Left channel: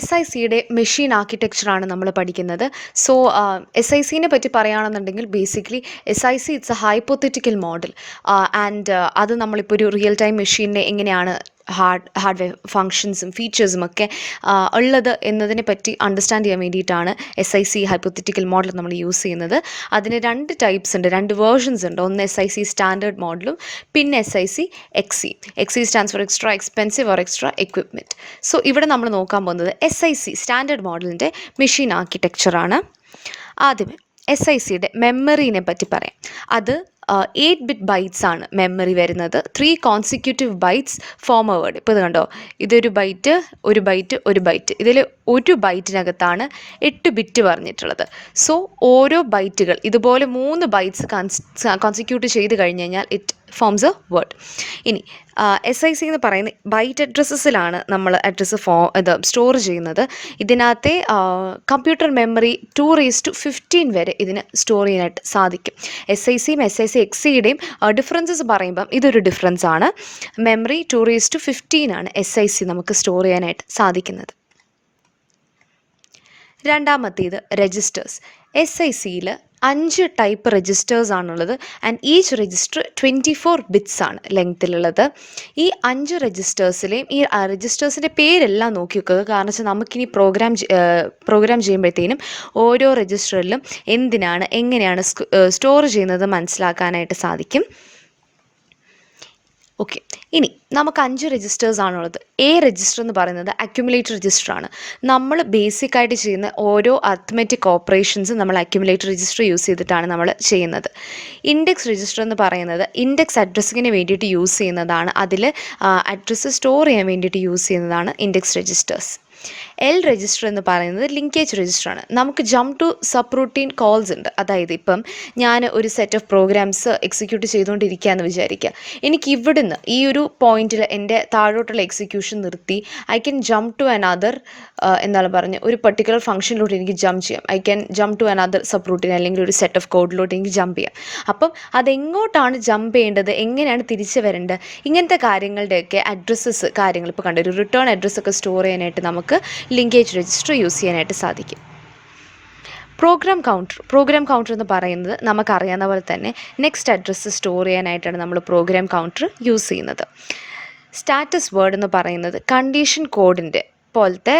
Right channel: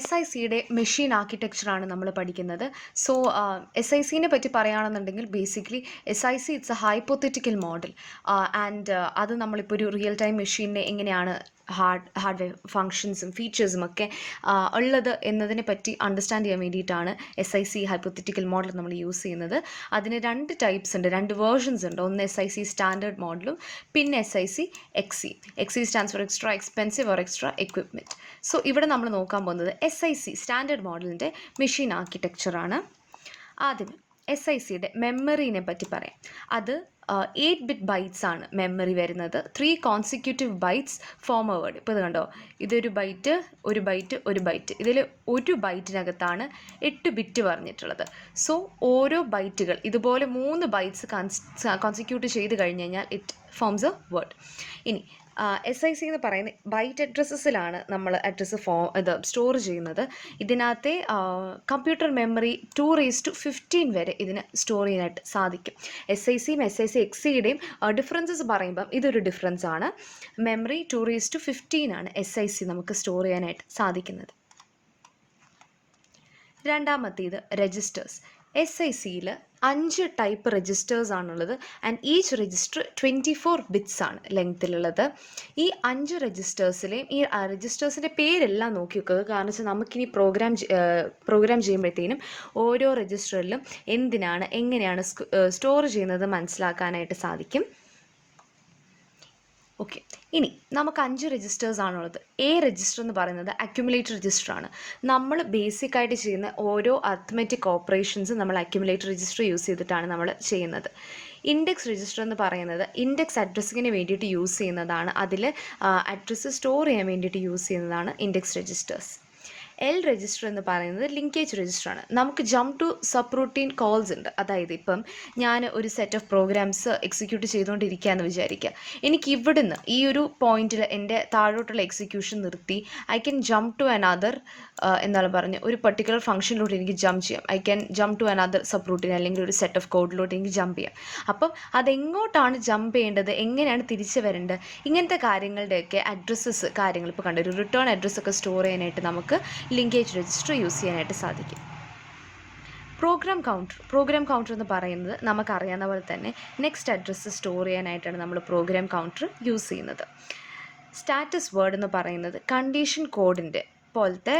SICയുടെ machine ആർക്കിടെക്ചറാണ് നമ്മൾ പഠിക്കുന്നത്. So SICനെ പറ്റി പറയുകയാണെന്നുണ്ടെങ്കിൽ basically SIC it's A hypothetical model and അത് നമ്മളിപ്പോൾ ഒരു റിയൽ ടൈം മെഷീനിനെ എങ്ങനെയാണ് ഹാർഡ്വെയർ ഫങ്ഷൻസും ഫീച്ചേഴ്സും ഒക്കെ ഉള്ളത് എന്നതിനെ പറ്റി അണ്ടർസ്റ്റാൻഡ് ചെയ്യാൻ വേണ്ടിയിട്ടാണ് SIC ഹൈപ്പോത്തറ്റിക്കൽ മോഡൽ നമ്മൾ യൂസ് ചെയ്യുന്നത്. അതിന് 2 ടൈപ്സ് ഉണ്ട്, 2 വേർഷൻസ് ഉണ്ട്. ഒന്ന് SIC സ്റ്റാൻഡേർഡ് മോഡലും പിന്നെ SIC XE. XE stands for extra expensive or extra equipment. So ഇവിടെ നമ്മൾ നോക്കാൻ പോകുന്നത് SIC സ്റ്റാൻഡേർഡ് മോഡലിൻ്റെ മെഷീൻ ആർക്കിടെക്ചറാണ്. ആദ്യമേ SICയുടെ മെമ്മറീനെ പറ്റി പറയാം. അത് 8 ബിറ്റ് ബൈറ്റ്സ് ആണ് മെമ്മറി വരുന്നത്. 3 കോൺസിക്യൂട്ടീവ് ബൈറ്റ്സ് ഫോർവേഡ്. ഇപ്പോൾ ഇത് കണ്ടോ, ഇതൊരു ബൈറ്റ്, ഒരു ബൈറ്റ്, ഒരു ബൈറ്റ്. ഇതിൽ ഒരു ബൈറ്റിനകത്താണ് 8 ബിറ്റ് പറഞ്ഞിട്ടുള്ളത്. സോ ഓരോ ബൈറ്റുകൾ ഇതുപോലെ 3 ബൈറ്റ്സ് കോൺസിക്യൂട്ട് ചെയ്ത് കഴിഞ്ഞ് കഴിഞ്ഞാൽ ഇറ്റ് ഫോംസ് എ വേർഡ്. ഇനി SIC എന്ന് പറയുന്ന ബൈറ്റ് അഡ്രസ്സസിലാണ് നമ്മൾ അഡ്രസ്സ് സ്റ്റോർ ചെയ്യുന്നത്. ഇതിനകത്തെ കമ്പ്യൂട്ടർ മെമ്മറി 2:15 വരെ ഇതിന് സ്റ്റോർ ചെയ്യാനായിട്ട് സാധിക്കും. SICയും SIC XEയുടെയും ഡിഫറൻസസ് പറയുമ്പം ഇതൊരു ഡിഫറൻസ് ആണ്. മെമ്മറി 2:15 ആണ് SIC നമുക്ക് സ്റ്റോർ ചെയ്യാനായിട്ട് സാധിക്കുന്നത്. രണ്ടാമത്തേത് രജിസ്റ്റേഴ്സ്. SICയിൽ 5 ടൈപ്പ് രജിസ്റ്റേഴ്സ് ആണുള്ളത് ആൻഡ് ഈച്ച് രജിസ്റ്റർ 24 ബിറ്റ്സ് ആണ് ലെങ്ത്തിലുള്ളത്. ഈ 5 രജിസ്റ്റേഴ്സിലെയും ഈ രജിസ്റ്റേഴ്സിൻ്റെ പേരെല്ലാം നോക്കി വെക്കുക. കാരണം വെച്ചാൽ നമുക്കിനി പ്രോഗ്രാം ചെയ്യുമ്പോഴത്തേനും ഓരോ രജിസ്റ്ററിലും എന്തിനാണ് എങ്ങനെയാണ് സ്റ്റോർ ചെയ്യുന്നത് മനസ്സിലാക്കാനായിട്ട് സാധിക്കും. ഓക്കെ, ഇനി നമുക്ക് 5 രജിസ്റ്റേഴ്സ് ആണുള്ളത്. രജിസ്റ്റർ എന്ന് പറയുന്നത് അക്യുമുലേറ്റർ രജിസ്റ്ററാണ്. നമ്മൾ ബേസിക്കായിട്ട് ചെയ്യുന്ന ഓരോ അത്മെറ്റിക് ഓപ്പറേഷൻസും നമ്മൾ അക്യുമുലേറ്റർ രജിസ്റ്റർ യൂസ് ചെയ്തിട്ടാണ് നമ്മൾ ചെയ്യുന്നത്. ഇൻഡെക്സ് രജിസ്റ്റർ എന്ന് പറയുന്നത് ഇൻഡെക്സ് അഡ്രസ്സിങ്ങിന് വേണ്ടിയിട്ട് യൂസ് ചെയ്യുന്നതാണ്. അതിൽ അഡ്രസ്സ് സ്റ്റോർ ചെയ്യാൻ വേണ്ടിയിട്ട് യൂസ് ചെയ്യുന്നതാണ് ഇൻഡെക്സ് രജിസ്റ്റേഴ്സ്. രജിസ്റ്റർ എന്ന് പറയുന്നത് ലിങ്കേജ് രജിസ്റ്ററാണ്. നമുക്ക് jump to subroutine calls ഉണ്ട്. അതായത് ഇപ്പം ഞാൻ ഒരു സെറ്റ് ഓഫ് പ്രോഗ്രാംസ് എക്സിക്യൂട്ട് ചെയ്തുകൊണ്ടിരിക്കുകയെന്ന് വിചാരിക്കുക. എനിക്ക് ഇവിടുന്ന് ഈ ഒരു പോയിന്റിൽ എൻ്റെ താഴോട്ടുള്ള എക്സിക്യൂഷൻ നിർത്തി I can jump to another എന്താണ് പറഞ്ഞ് ഒരു പെർട്ടിക്കുലർ ഫംഗ്ഷനിലോട്ട് എനിക്ക് ജംപ് ചെയ്യാം. I can jump to another subroutine അല്ലെങ്കിൽ ഒരു സെറ്റ് ഓഫ് കോഡിലോട്ട് എനിക്ക് ജംപ് ചെയ്യാം. അപ്പം അതെങ്ങോട്ടാണ് ജംപ് ചെയ്യേണ്ടത്, എങ്ങനെയാണ് തിരിച്ച് വരേണ്ടത്, ഇങ്ങനത്തെ കാര്യങ്ങളുടെയൊക്കെ അഡ്രസ്സസ് കാര്യങ്ങൾ ഇപ്പോൾ കണ്ട ഒരു റിട്ടേൺ അഡ്രസ്സൊക്കെ സ്റ്റോർ ചെയ്യാനായിട്ട് നമുക്ക് ലിങ്കേജ് രജിസ്റ്റർ യൂസ് ചെയ്യാനായിട്ട് സാധിക്കും. പ്രോഗ്രാം കൗണ്ടർ എന്ന് പറയുന്നത് നമുക്കറിയാവുന്ന പോലെ തന്നെ നെക്സ്റ്റ് അഡ്രസ്സ് സ്റ്റോർ ചെയ്യാനായിട്ടാണ് നമ്മൾ പ്രോഗ്രാം കൗണ്ടർ യൂസ് ചെയ്യുന്നത്. സ്റ്റാറ്റസ് വേർഡ് എന്ന് പറയുന്നത് കണ്ടീഷൻ കോഡിൻ്റെ പോലത്തെ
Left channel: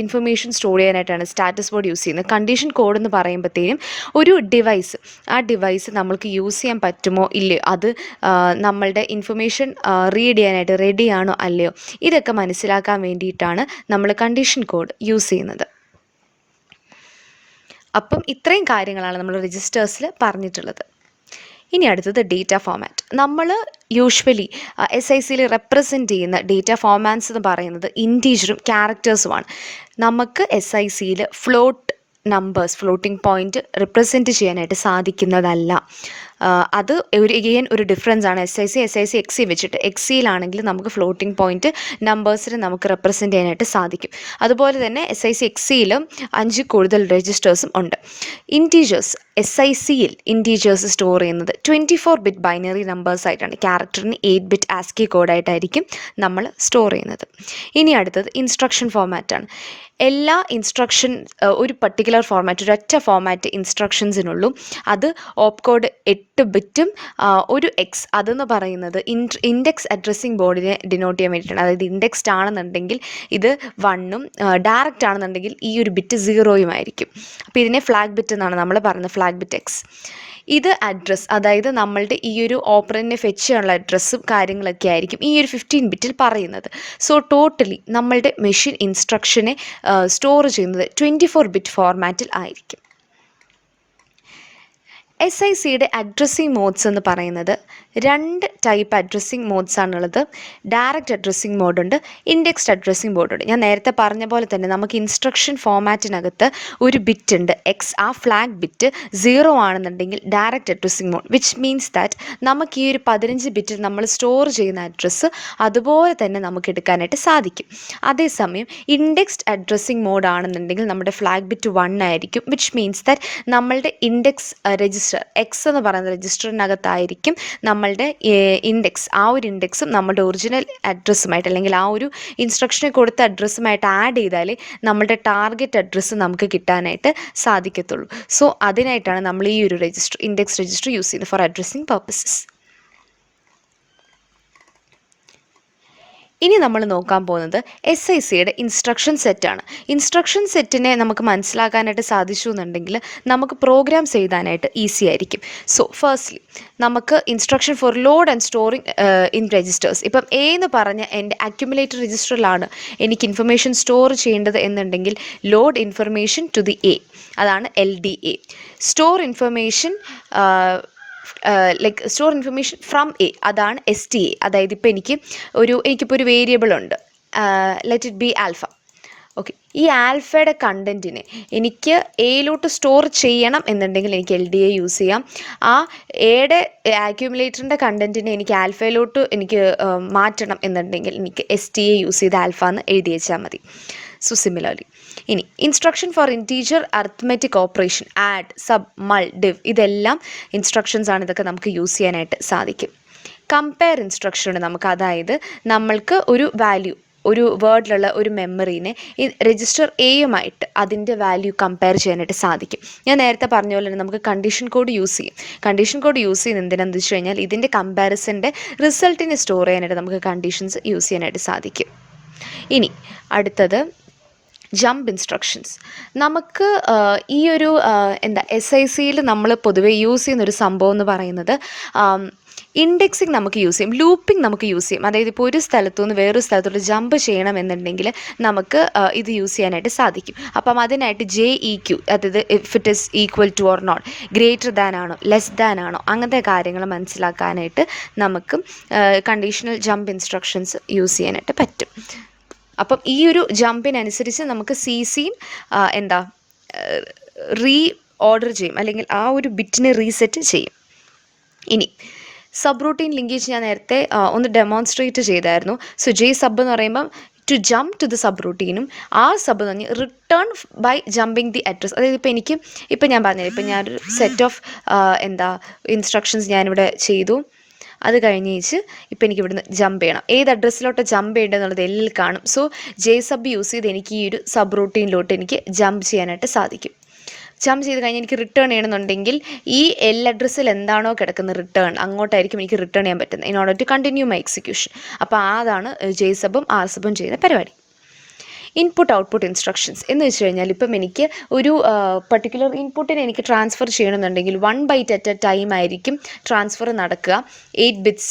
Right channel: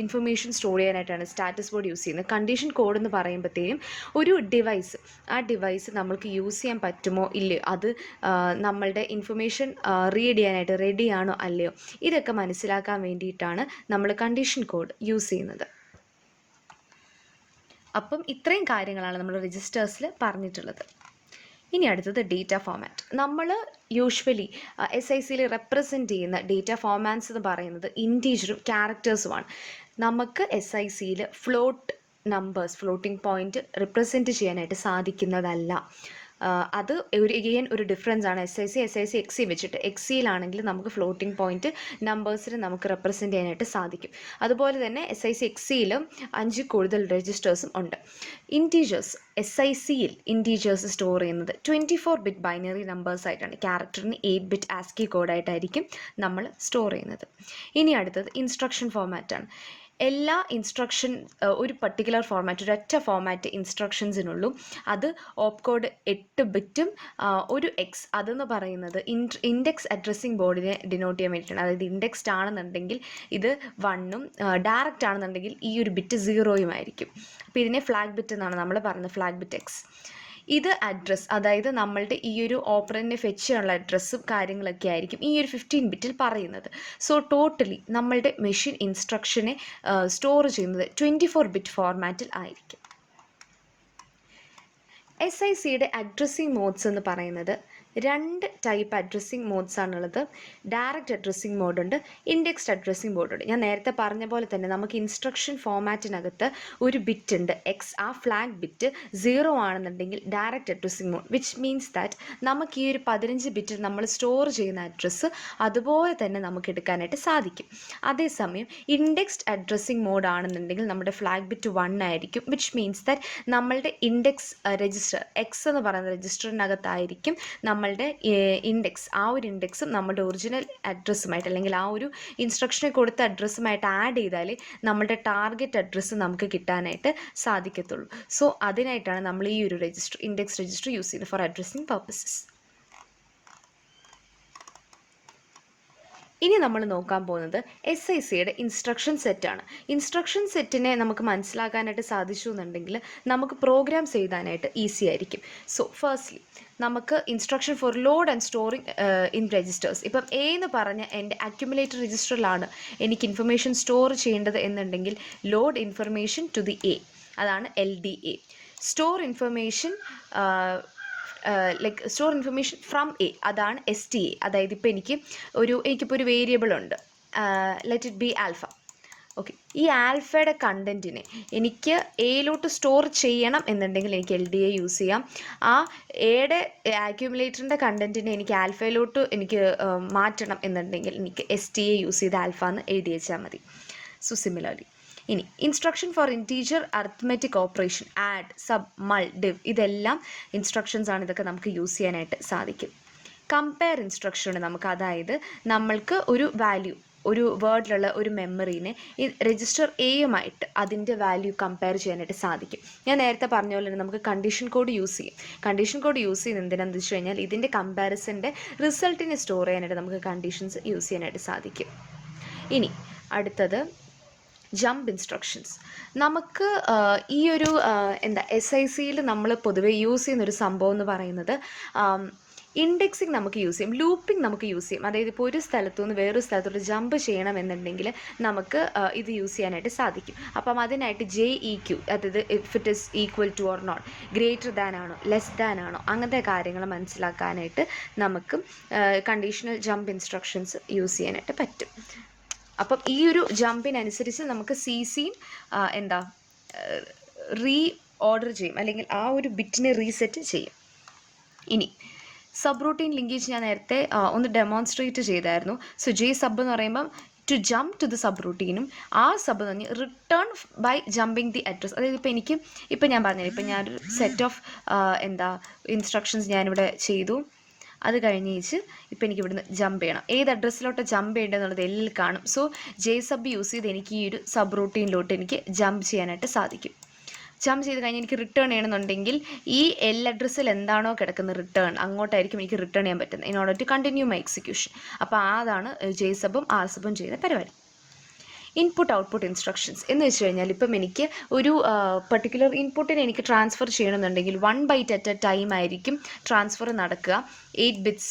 ഇൻഫർമേഷൻ സ്റ്റോർ ചെയ്യാനായിട്ടാണ് സ്റ്റാറ്റസ് വേർഡ് യൂസ് ചെയ്യുന്നത്. കണ്ടീഷൻ കോഡ് എന്ന് പറയുമ്പോഴത്തേനും ഒരു ഡിവൈസ്, ആ ഡിവൈസ് നമ്മൾക്ക് യൂസ് ചെയ്യാൻ പറ്റുമോ ഇല്ലയോ, അത് നമ്മളുടെ ഇൻഫർമേഷൻ റീഡ് ചെയ്യാനായിട്ട് റെഡിയാണോ അല്ലയോ, ഇതൊക്കെ മനസ്സിലാക്കാൻ വേണ്ടിയിട്ടാണ് നമ്മൾ കണ്ടീഷൻ കോഡ് യൂസ് ചെയ്യുന്നത്. അപ്പം ഇത്രയും കാര്യങ്ങളാണ് നമ്മൾ രജിസ്റ്റേഴ്സിൽ പറഞ്ഞിട്ടുള്ളത്. ഇനി അടുത്തത് ഡേറ്റ ഫോമാറ്റ്. നമ്മൾ യൂഷ്വലി SICയിൽ റെപ്രസെൻറ്റ് ചെയ്യുന്ന ഡേറ്റ ഫോമാറ്റ്സ് എന്ന് പറയുന്നത് ഇൻറ്റീജറും ക്യാരക്ടേഴ്സുമാണ്. നമുക്ക് SICയിൽ ഫ്ലോട്ടിംഗ് പോയിൻറ്റ് റിപ്രസെൻറ്റ് ചെയ്യാനായിട്ട് സാധിക്കുന്നതല്ല. അത് ഒരു ഡിഫറൻസ് ആണ് SIC XE വെച്ചിട്ട്. XEയിലാണെങ്കിൽ നമുക്ക് ഫ്ലോട്ടിംഗ് പോയിൻറ്റ് നമ്പേഴ്സിന് നമുക്ക് റെപ്രസെൻറ്റ് ചെയ്യാനായിട്ട് സാധിക്കും. അതുപോലെ തന്നെ SIC XEയിലും 5 കൂടുതൽ രജിസ്റ്റേഴ്സും ഉണ്ട്. ഇൻറ്റീജേഴ്സ്, SICയിൽ ഇൻറ്റീജേഴ്സ് സ്റ്റോർ ചെയ്യുന്നത് 24 ബിറ്റ് ബൈനറി നമ്പേഴ്സ് ആയിട്ടാണ്. ക്യാരക്ടറിന് 8 ബിറ്റ് ASCII കോഡായിട്ടായിരിക്കും നമ്മൾ സ്റ്റോർ ചെയ്യുന്നത്. ഇനി അടുത്തത് ഇൻസ്ട്രക്ഷൻ ഫോമാറ്റാണ്. എല്ലാ ഇൻസ്ട്രക്ഷൻ ഒരു പർട്ടിക്കുലർ ഫോർമാറ്റ്, ഒരൊറ്റ ഫോർമാറ്റ് ഇൻസ്ട്രക്ഷൻസിനുള്ളൂ. അത് ഓപ്പ് കോഡ് 8 ബിറ്റും ഒരു X. അതെന്ന് പറയുന്നത് ഇൻഡെക്സ് അഡ്രസ്സിംഗ് ബോർഡിനെ ഡിനോട്ട് ചെയ്യാൻ വേണ്ടിയിട്ടാണ്. അതായത് ഇൻഡെക്സ്ഡ് ആണെന്നുണ്ടെങ്കിൽ ഇത് 1ഉം ഡയറക്റ്റ് ആണെന്നുണ്ടെങ്കിൽ ഈ ഒരു ബിറ്റ് 0യും ആയിരിക്കും. അപ്പോൾ ഇതിനെ ഫ്ലാഗ് ബിറ്റ് എന്നാണ് നമ്മൾ പറയുന്നത്, ഫ്ലാഗ് ബിറ്റ് X. ഇത് അഡ്രസ്സ്, അതായത് നമ്മളുടെ ഈ ഒരു ഓപ്പറൻറ്റിനെ ഫെച്ച് ചെയ്യാനുള്ള അഡ്രസ്സും കാര്യങ്ങളൊക്കെ ആയിരിക്കും ഈ ഒരു 15 ബിറ്റിൽ പറയുന്നത്. സോ ടോട്ടലി നമ്മളുടെ മെഷീൻ ഇൻസ്ട്രക്ഷനെ സ്റ്റോർ ചെയ്യുന്നത് 24 ബിറ്റ് ഫോർമാറ്റിൽ ആയിരിക്കും. SICയുടെ അഡ്രസ്സിംഗ് മോഡ്സ് എന്ന് പറയുന്നത് 2 ടൈപ്പ് അഡ്രസ്സിംഗ് മോഡ്സ് ആണുള്ളത്. ഡയറക്റ്റ് അഡ്രസ്സിംഗ് മോഡുണ്ട്, ഇൻഡെക്സ്ഡ് അഡ്രസ്സിംഗ് മോഡുണ്ട്. ഞാൻ നേരത്തെ പറഞ്ഞ പോലെ തന്നെ നമുക്ക് ഇൻസ്ട്രക്ഷൻ ഫോമാറ്റിനകത്ത് ഒരു ബിറ്റ് ഉണ്ട് X. ആ ഫ്ലാഗ് ബിറ്റ് 0 ആണെന്നുണ്ടെങ്കിൽ direct addressing mode, which means that നമുക്ക് ഈ ഒരു 15 ബിറ്റിൽ നമ്മൾ സ്റ്റോർ ചെയ്യുന്ന അഡ്രസ്സ് അതുപോലെ തന്നെ നമുക്ക് എടുക്കാനായിട്ട് സാധിക്കും. അതേസമയം ഇൻഡെക്സ്ഡ് അഡ്രസ്സിംഗ് മോഡ് ആണെന്നുണ്ടെങ്കിൽ നമ്മുടെ ഫ്ലാഗ് ബിറ്റ് 1 ആയിരിക്കും, വിച്ച് മീൻസ് ദാറ്റ് നമ്മളുടെ ഇൻഡെക്സ് രജിസ്റ്റർ X എന്ന് പറയുന്ന രജിസ്റ്ററിനകത്തായിരിക്കും നമ്മൾ നമ്മളുടെ ഇൻഡെക്സ്, ആ ഒരു ഇൻഡെക്സും നമ്മുടെ ഒറിജിനൽ അഡ്രസ്സുമായിട്ട് അല്ലെങ്കിൽ ആ ഒരു ഇൻസ്ട്രക്ഷനെ കൊടുത്ത അഡ്രസ്സുമായിട്ട് ആഡ് ചെയ്താലേ നമ്മുടെ ടാർഗറ്റ് അഡ്രസ്സ് നമുക്ക് കിട്ടാനായിട്ട് സാധിക്കത്തുള്ളൂ. സോ അതിനായിട്ടാണ് നമ്മൾ ഈ ഒരു രജിസ്റ്റർ, ഇൻഡെക്സ് രജിസ്റ്റർ യൂസ് ചെയ്യുന്നത് ഫോർ അഡ്രസ്സിങ് പർപ്പസസ്. ഇനി നമ്മൾ നോക്കാൻ പോകുന്നത് SICയുടെ ഇൻസ്ട്രക്ഷൻ സെറ്റാണ്. ഇൻസ്ട്രക്ഷൻ സെറ്റിനെ നമുക്ക് മനസ്സിലാക്കാനായിട്ട് സാധിച്ചു എന്നുണ്ടെങ്കിൽ നമുക്ക് പ്രോഗ്രാംസ് എഴുതാനായിട്ട് ഈസി ആയിരിക്കും. സോ ഫസ്റ്റ്ലി നമുക്ക് instruction four load and storing in registers. ഇപ്പം എ എന്ന് പറഞ്ഞ എൻ്റെ അക്യുമുലേറ്റർ രജിസ്റ്ററിലാണ് എനിക്ക് ഇൻഫർമേഷൻ സ്റ്റോർ ചെയ്യേണ്ടത് എന്നുണ്ടെങ്കിൽ load information to the A, അതാണ് LDA. Store information like store information from A, അതാണ് STA. അതായത് ഇപ്പോൾ എനിക്കിപ്പോൾ ഒരു വേരിയബിൾ ഉണ്ട്, let it be alpha. Okay, ഈ ആൽഫയുടെ കണ്ടൻറ്റിനെ എനിക്ക് എയിലോട്ട് സ്റ്റോർ ചെയ്യണം എന്നുണ്ടെങ്കിൽ എനിക്ക് LDA യൂസ് ചെയ്യാം. ആ എയുടെ ആക്യുമുലേറ്ററിൻ്റെ കണ്ടൻറ്റിനെ എനിക്ക് ആൽഫയിലോട്ട് എനിക്ക് മാറ്റണം എന്നുണ്ടെങ്കിൽ എനിക്ക് STA യൂസ് ചെയ്ത് ആൽഫ എന്ന് എഴുതി വെച്ചാൽ മതി. സോ സിമിലർലി ഇനി instruction for integer arithmetic operation, add, sub, mul, div, ഇതെല്ലാം ഇൻസ്ട്രക്ഷൻസ് ആണ്. ഇതൊക്കെ നമുക്ക് യൂസ് ചെയ്യാനായിട്ട് സാധിക്കും. കമ്പയർ ഇൻസ്ട്രക്ഷൻ നമുക്ക്, അതായത് നമ്മൾക്ക് ഒരു വാല്യൂ, ഒരു വേർഡിലുള്ള ഒരു മെമ്മറീനെ ഈ രജിസ്റ്റർ എയുമായിട്ട് അതിൻ്റെ വാല്യൂ കമ്പയർ ചെയ്യാനായിട്ട് സാധിക്കും. ഞാൻ നേരത്തെ പറഞ്ഞ പോലെ തന്നെ നമുക്ക് കണ്ടീഷൻ കോഡ് യൂസ് ചെയ്യും. കണ്ടീഷൻ കോഡ് യൂസ് ചെയ്യുന്നത് എന്തിനാണെന്ന് വെച്ച് കഴിഞ്ഞാൽ ഇതിൻ്റെ കമ്പാരിസൻ്റെ റിസൾട്ടിനെ സ്റ്റോർ ചെയ്യാനായിട്ട് നമുക്ക് കണ്ടീഷൻസ് യൂസ് ചെയ്യാനായിട്ട് സാധിക്കും. ഇനി അടുത്തത് ജമ്പ് ഇൻസ്ട്രക്ഷൻസ്. നമുക്ക് ഈ ഒരു SICയിൽ നമ്മൾ പൊതുവേ യൂസ് ചെയ്യുന്നൊരു സംഭവം എന്ന് പറയുന്നത് ഇൻഡെക്സിങ് നമുക്ക് യൂസ് ചെയ്യും, ലൂപ്പിംഗ് നമുക്ക് യൂസ് ചെയ്യും. അതായത് ഇപ്പോൾ ഒരു സ്ഥലത്തു നിന്ന് വേറൊരു സ്ഥലത്തോട്ട് ജമ്പ് ചെയ്യണമെന്നുണ്ടെങ്കിൽ നമുക്ക് ഇത് യൂസ് ചെയ്യാനായിട്ട് സാധിക്കും. അപ്പം അതിനായിട്ട് JEQ, അതായത് if it is equal to or not, greater than ആണോ ലെസ് ദാൻ ആണോ, അങ്ങനത്തെ കാര്യങ്ങൾ മനസ്സിലാക്കാനായിട്ട് നമുക്ക് കണ്ടീഷണൽ ജമ്പ് ഇൻസ്ട്രക്ഷൻസ് യൂസ് ചെയ്യാനായിട്ട് പറ്റും. അപ്പം ഈ ഒരു ജമ്പിനനുസരിച്ച് നമുക്ക് CCയും റീ ഓർഡർ ചെയ്യും, അല്ലെങ്കിൽ ആ ഒരു ബിറ്റിനെ റീസെറ്റ് ചെയ്യും. ഇനി സബ് റൂട്ടീൻ ലിങ്കേജ് ഞാൻ നേരത്തെ ഒന്ന് ഡെമോൺസ്ട്രേറ്റ് ചെയ്തായിരുന്നു. സോ JSub എന്ന് പറയുമ്പം ടു ജമ്പ് ടു ദി സബ് റൂട്ടീനും, ആ സബ് എന്ന് പറഞ്ഞാൽ return by jumping the address. അതായത് ഇപ്പം ഞാൻ പറഞ്ഞില്ല, ഇപ്പം ഞാനൊരു സെറ്റ് ഓഫ് ഇൻസ്ട്രക്ഷൻസ് ഞാനിവിടെ ചെയ്തു. അത് കഴിഞ്ഞേച്ച് ഇപ്പം എനിക്ക് ഇവിടുന്ന് ജമ്പ് ചെയ്യണം. ഏത് അഡ്രസ്സിലോട്ട് ജമ്പ് ചെയ്യേണ്ടതെന്നുള്ളത് L കാണും. സോ JSub യൂസ് ചെയ്ത് എനിക്ക് ഈ ഒരു സബ് റൂട്ടീനിലോട്ട് എനിക്ക് ജമ്പ് ചെയ്യാനായിട്ട് സാധിക്കും. ജമ്പ് ചെയ്ത് കഴിഞ്ഞ് എനിക്ക് റിട്ടേൺ ചെയ്യണമെന്നുണ്ടെങ്കിൽ ഈ L അഡ്രസ്സിൽ എന്താണോ കിടക്കുന്നത് റിട്ടേൺ, അങ്ങോട്ടായിരിക്കും എനിക്ക് റിട്ടേൺ ചെയ്യാൻ പറ്റുന്നത് in order to continue my execution. അപ്പോൾ അതാണ് JSubഉം RSubഉം ചെയ്യുന്ന പരിപാടി. ഇൻപുട്ട് ഔട്ട്പുട്ട് ഇൻസ്ട്രക്ഷൻസ് എന്ന് വെച്ച് കഴിഞ്ഞാൽ ഇപ്പം എനിക്ക് ഒരു പർട്ടിക്കുലർ ഇൻപുട്ടിനെ എനിക്ക് ട്രാൻസ്ഫർ ചെയ്യണമെന്നുണ്ടെങ്കിൽ 1 byte അറ്റ് എ ടൈം ആയിരിക്കും ട്രാൻസ്ഫർ നടക്കുക. 8 bits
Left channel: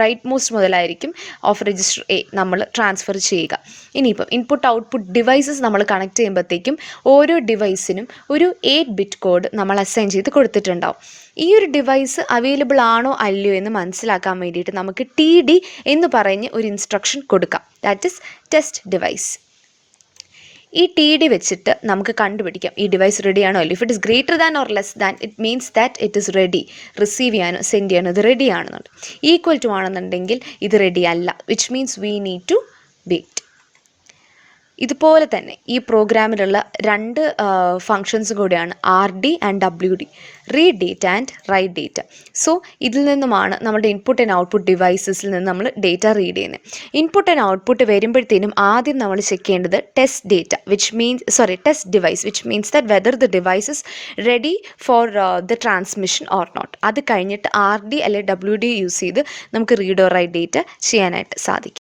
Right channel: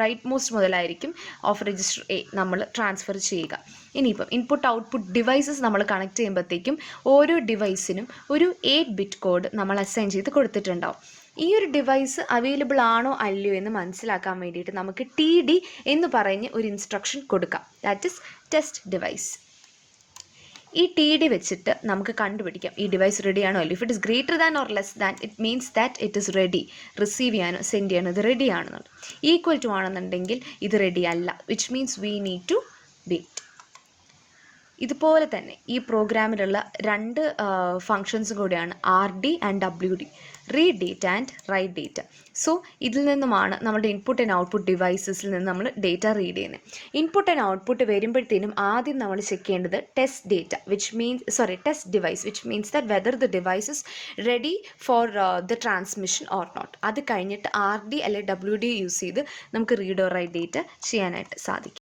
റൈറ്റ് മോസ്റ്റ് മുതലായിരിക്കും ഓഫ് രജിസ്റ്റർ എ നമ്മൾ ട്രാൻസ്ഫർ ചെയ്യുക. ഇനിയിപ്പം ഇൻപുട്ട് ഔട്ട്പുട്ട് ഡിവൈസസ് നമ്മൾ കണക്ട് ചെയ്യുമ്പോഴത്തേക്കും ഓരോ ഡിവൈസിനും ഒരു 8 bit കോഡ് നമ്മൾ അസൈൻ ചെയ്ത് കൊടുത്തിട്ടുണ്ടാവും. ഈ ഒരു ഡിവൈസ് അവൈലബിൾ ആണോ അല്ലയോ എന്ന് മനസ്സിലാക്കാൻ വേണ്ടിയിട്ട് നമുക്ക് TD എന്ന് പറഞ്ഞ് ഒരു ഇൻസ്ട്രക്ഷൻ കൊടുക്കാം. That is test device. ഈ TD വെച്ചിട്ട് നമുക്ക് കണ്ടുപിടിക്കാം ഈ ഡിവൈസ് റെഡി ആണോ അല്ലയോ. If it is greater than or less than, it means that it is ready, receive ചെയ്യാനോ സെൻഡ് ചെയ്യാനോ ഇത് റെഡി ആണെന്നുണ്ട്. ഈക്വൽ ടു ആണെന്നുണ്ടെങ്കിൽ ഇത് റെഡി അല്ല, which means we need to wait. ഇതുപോലെ തന്നെ ഈ പ്രോഗ്രാമിലുള്ള 2 ഫങ്ഷൻസും കൂടിയാണ് RD and WD, read data and write data. So ഇതിൽ നിന്നുമാണ് നമ്മുടെ ഇൻപുട്ട് ആൻഡ് ഔട്ട്പുട്ട് ഡിവൈസസിൽ നിന്ന് നമ്മൾ ഡേറ്റ റീഡ് ചെയ്യുന്നത്. ഇൻപുട്ട് ആൻഡ് ഔട്ട്പുട്ട് വരുമ്പോഴത്തേനും ആദ്യം നമ്മൾ ചെക്ക് ചെയ്യേണ്ടത് test data test device, which means that whether the device is ready for the transmission or not. അത് കഴിഞ്ഞിട്ട് RD അല്ലെങ്കിൽ WD യൂസ് ചെയ്ത് നമുക്ക് റീഡ് ഓർ റൈറ്റ് ഡേറ്റ ചെയ്യാനായിട്ട് സാധിക്കും.